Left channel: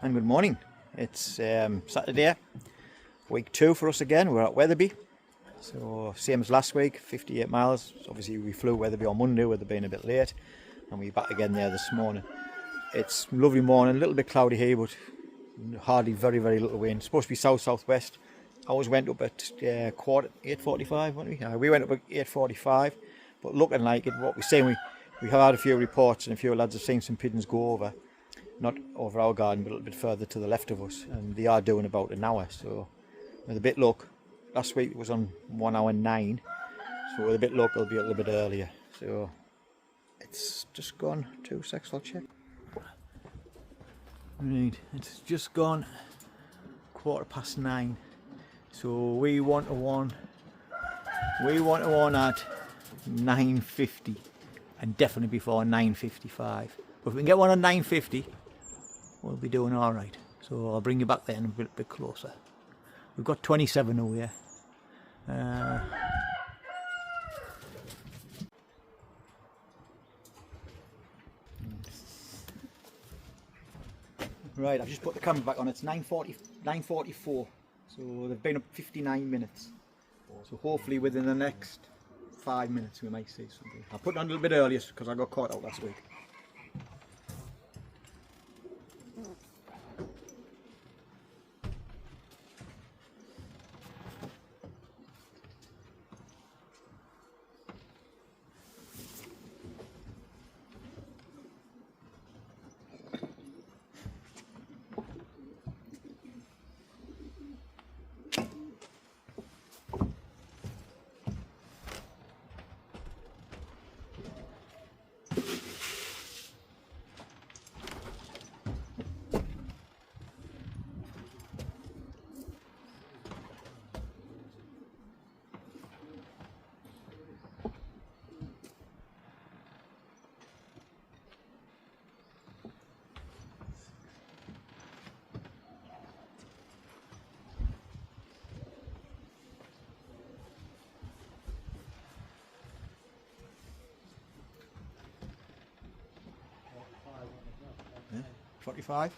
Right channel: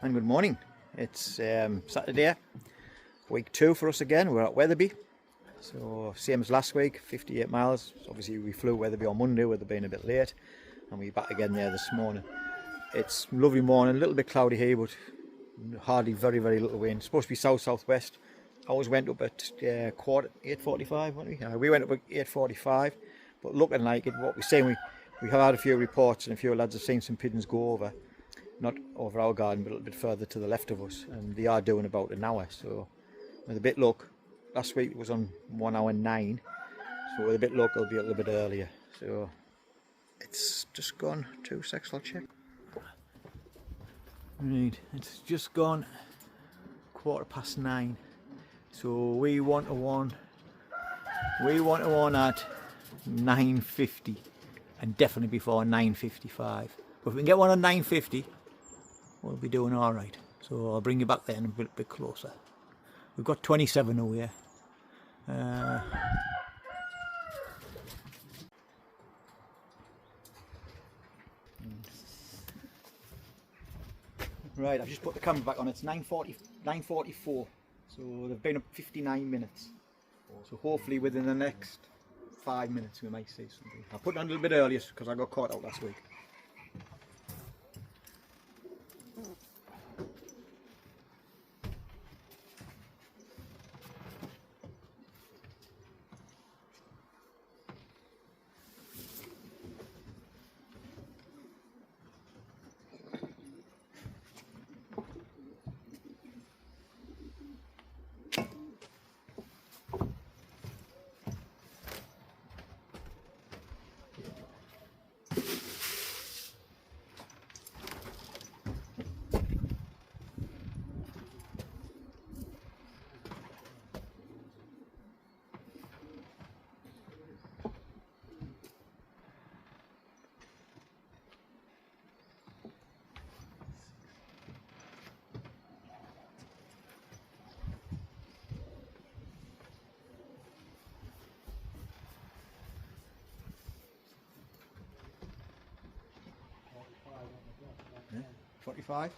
And good morning. It's Saturday, week 2 for us again. We're at Wetherby, so same as last week, 58 miles. So obviously we flew Wetherby on Monday with it being a bit late, and we're back again there this morning. It's a lovely morning, a little bit cloudy here, but hardly very little wind. It's supposed to be south-southwest. Ours went up at 8:45, weren't we? We went up at 8:45, but looking like it, what we're saying, we have had a few reports and a few lads have seen some pigeons go over. Not over our garden, but a little bit further to the left of us, and they are doing about an hour. So with a bit of luck, last week it was on 1 hour 9, so with a bit of luck it'll be a little bit earlier. So it's just gone 2 seconds, I'll check. Right, it's just gone 9:15. So we want a one at 9:50, and definitely before 9:55. But if we can get one at 9:50, we'll be doing all right. So I'll bring you back then a bit closer. We've got 27 over here. Right, I've just put the camera back on. It's 9:44. So they've been up 59 minutes. So hopefully within the next 5 minutes we might see something. I put it on a little bit earlier because I got caught out last week. Yeah, 45.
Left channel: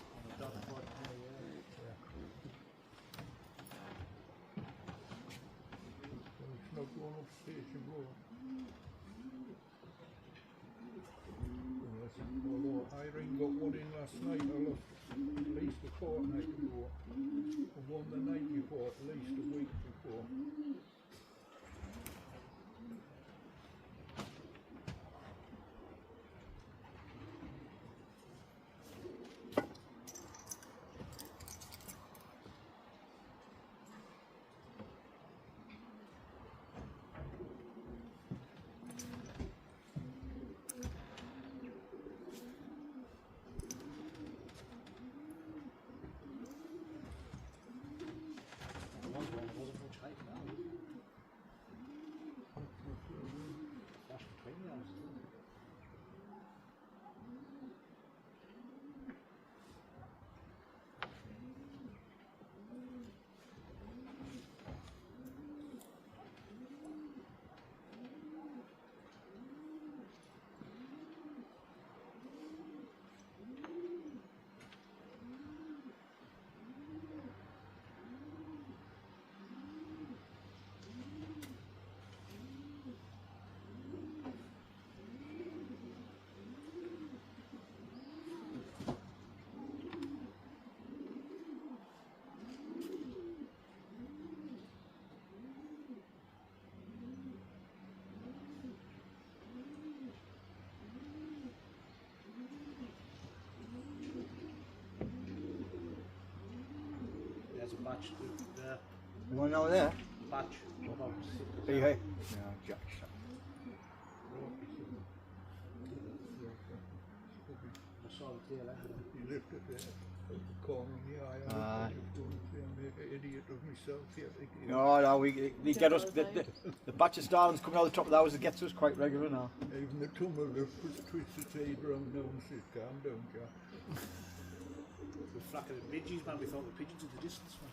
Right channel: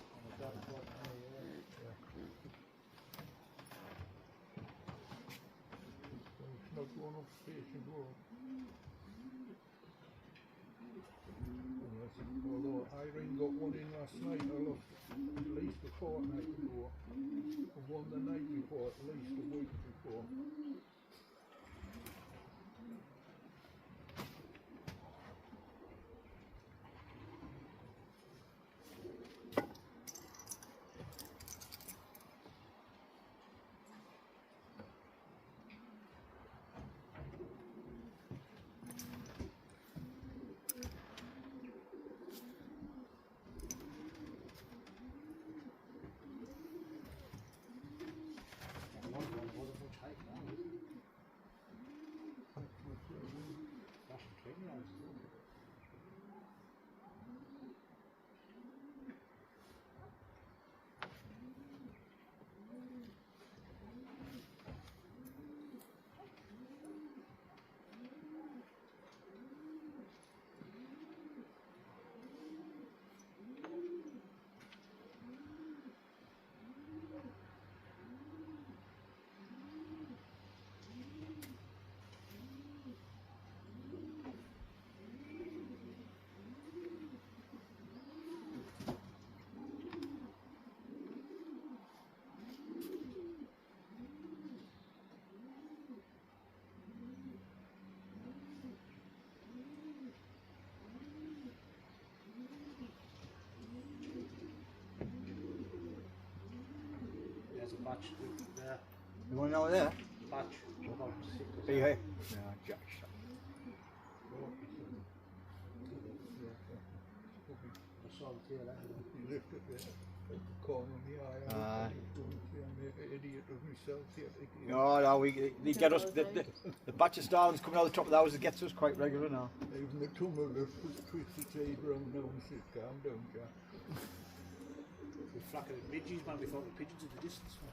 Although Irene got one in last night, I lost at least a fortnight before. And one the night before, at least a week before. There's a batch there. You want over there? Batch. Are you here? No, Jack. I saw the tail end. He lifted it at the corner of my eye. I just don't see I make an idiot of myself here. No, we get us. The batch of starlings coming out the top of the house, it gets us quite regular now. Even the tumble twists its head round now and says, calm down, Jack. We're flacking at midges, man. We thought the pigeons in the distance, man.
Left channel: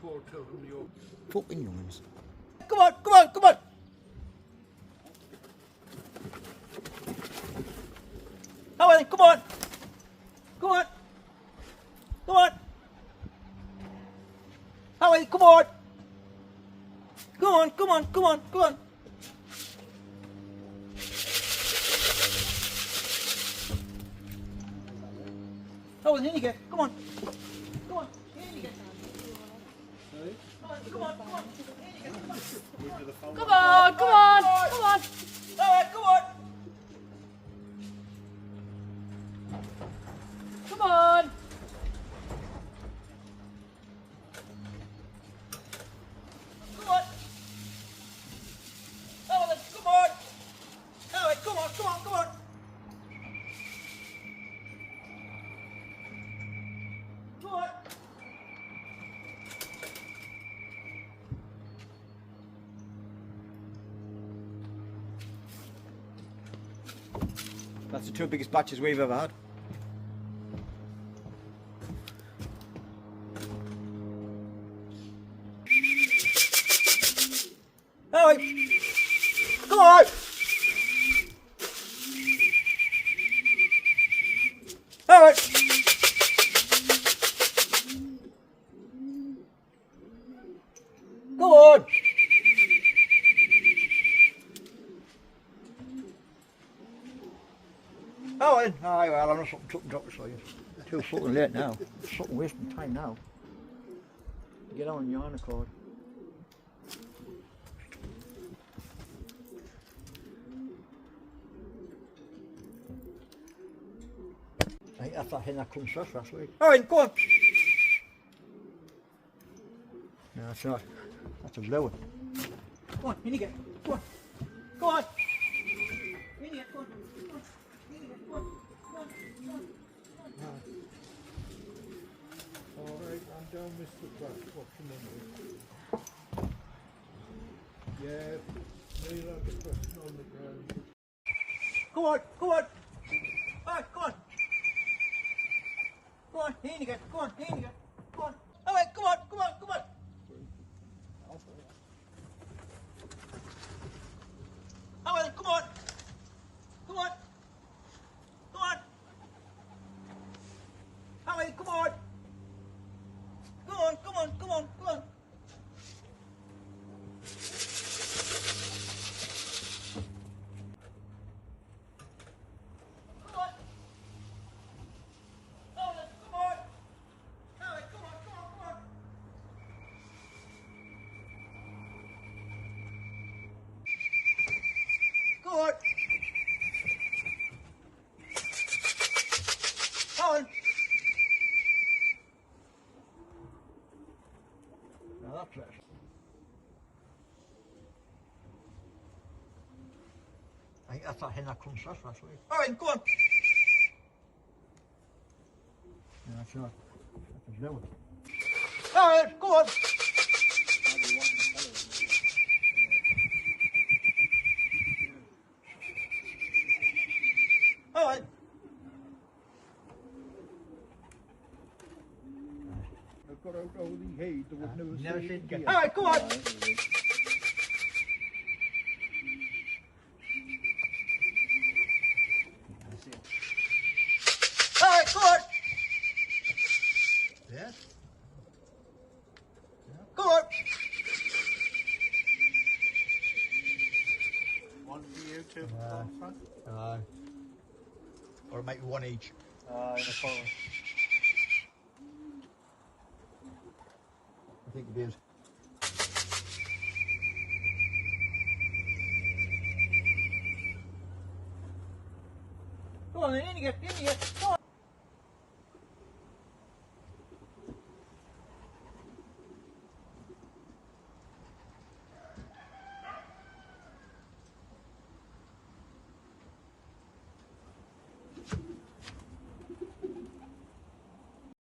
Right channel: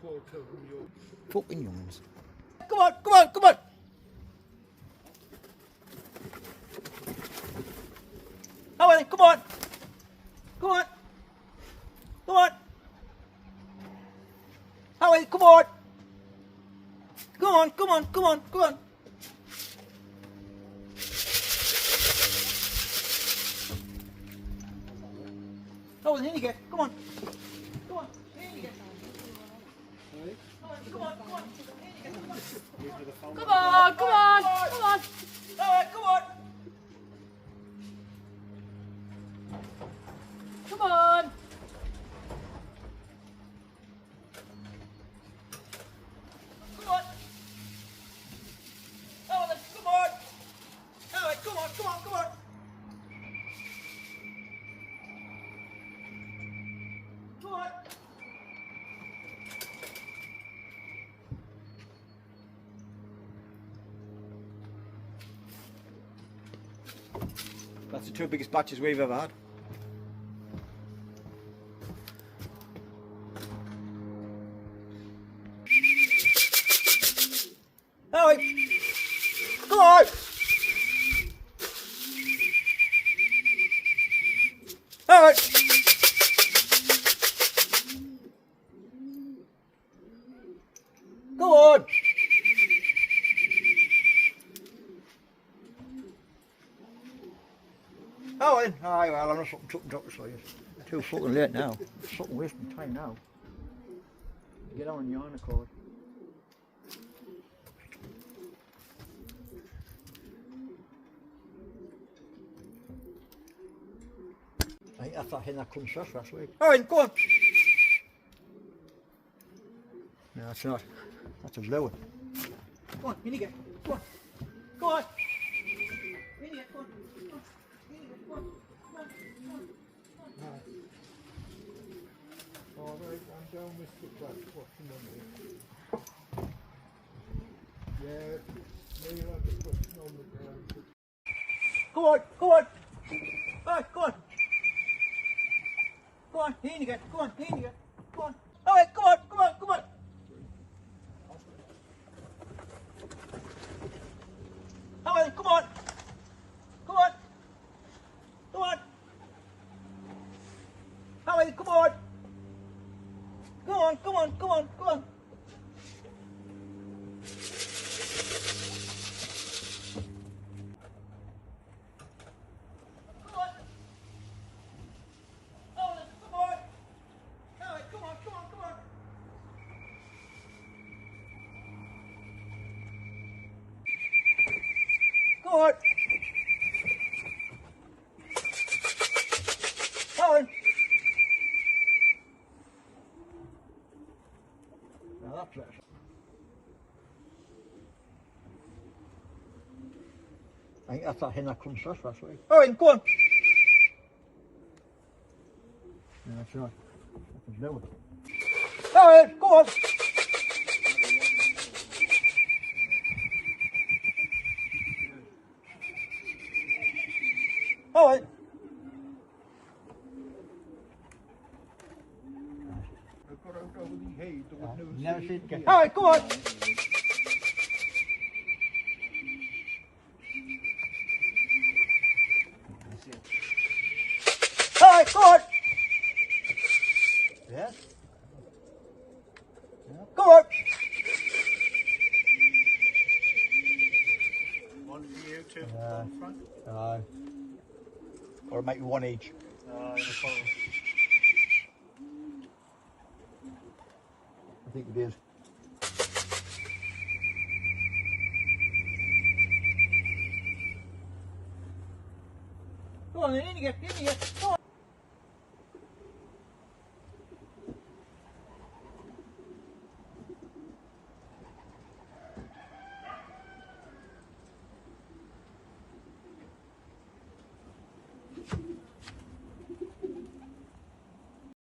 Paul, tell them you're... Fucking youngs. Come on, come on, come on. Oh, then, come on. Come on. Come on. Oh, come on. Come on, come on, come on, come on. Oh, in you get. Come on. Come on. In you get. Come on, come on, come on. In you get. Come on. Come on, come on, come on. All right, come on. Come on. Come on. Oh, let's come on. All right, come on, come on, come on. Come on. That's the 2 biggest batches we've ever had. All right. Come on. All right. Go on. Oh, then. Aye, well, I'm not fucking took and drop, so you're too fucking late now. Fucking wasting time now. Get on your own accord. I think that's that hen that comes first last week. Oh, go on. No, that's not. That's a lower. Go on, in you get. Go on. Go on. In you get. Go on. Go on. In you get. Go on. Go on. Go on. All right, I'm down Mr. Black, watching on me. Yeah, Neil had the question on the ground. Go on. Go on. All right, go on. Go on, in you get. Go on, in you get. Go on. All right, come on, come on, come on. All right, come on. Come on. Come on. All right, come on. Come on, come on, come on, come on. Come on. Oh, come on. All right, come on, come on, come on. Go on. Go on. Now that's better. I think that's that hen that comes first last week. All right, go on. No, that's not. That's a lower. All right, go on. All right. I've got out over the hay, there was no Never sea seen it again. here. All right, go on. All right, go on. Yeah. Go on. One for you, two Uh, on front. Or it might be one each. The follow. I think it is. Go on then, in you get, go on.